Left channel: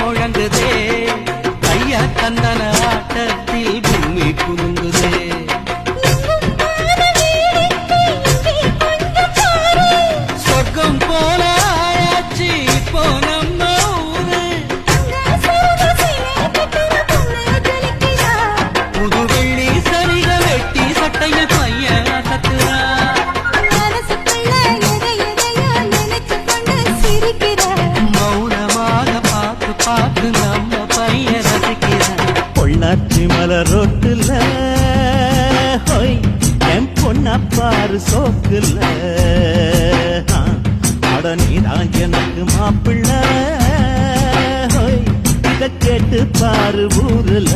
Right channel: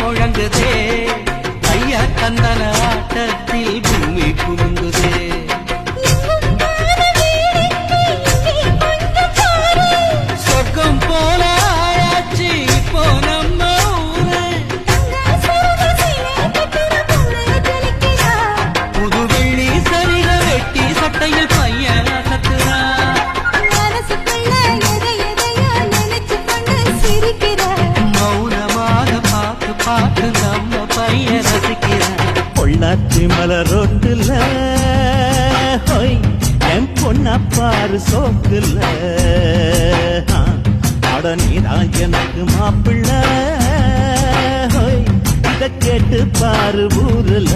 முழங்குதே, கையா கந்தன ஆட்டத்தில் பூமி குலுங்குதே. சொர்க்கம் போல ஆயாச்சு இப்போ நம்ம ஊரு. புது வெள்ளி சரிக வெட்டி சட்டையில் பையன் அசத்துறா. மௌனமாக பார்த்து பார்த்து நம்ம பையன் ரசிக்கிறான். பொள்ளாச்சி மலர் ரோட்டுல ஹோய் என் பொண்ணா பாரு சோக்குல. அட நீதான் எனக்கு மாப்பிள்ளை, இத கேட்டு பாரு ஊருல.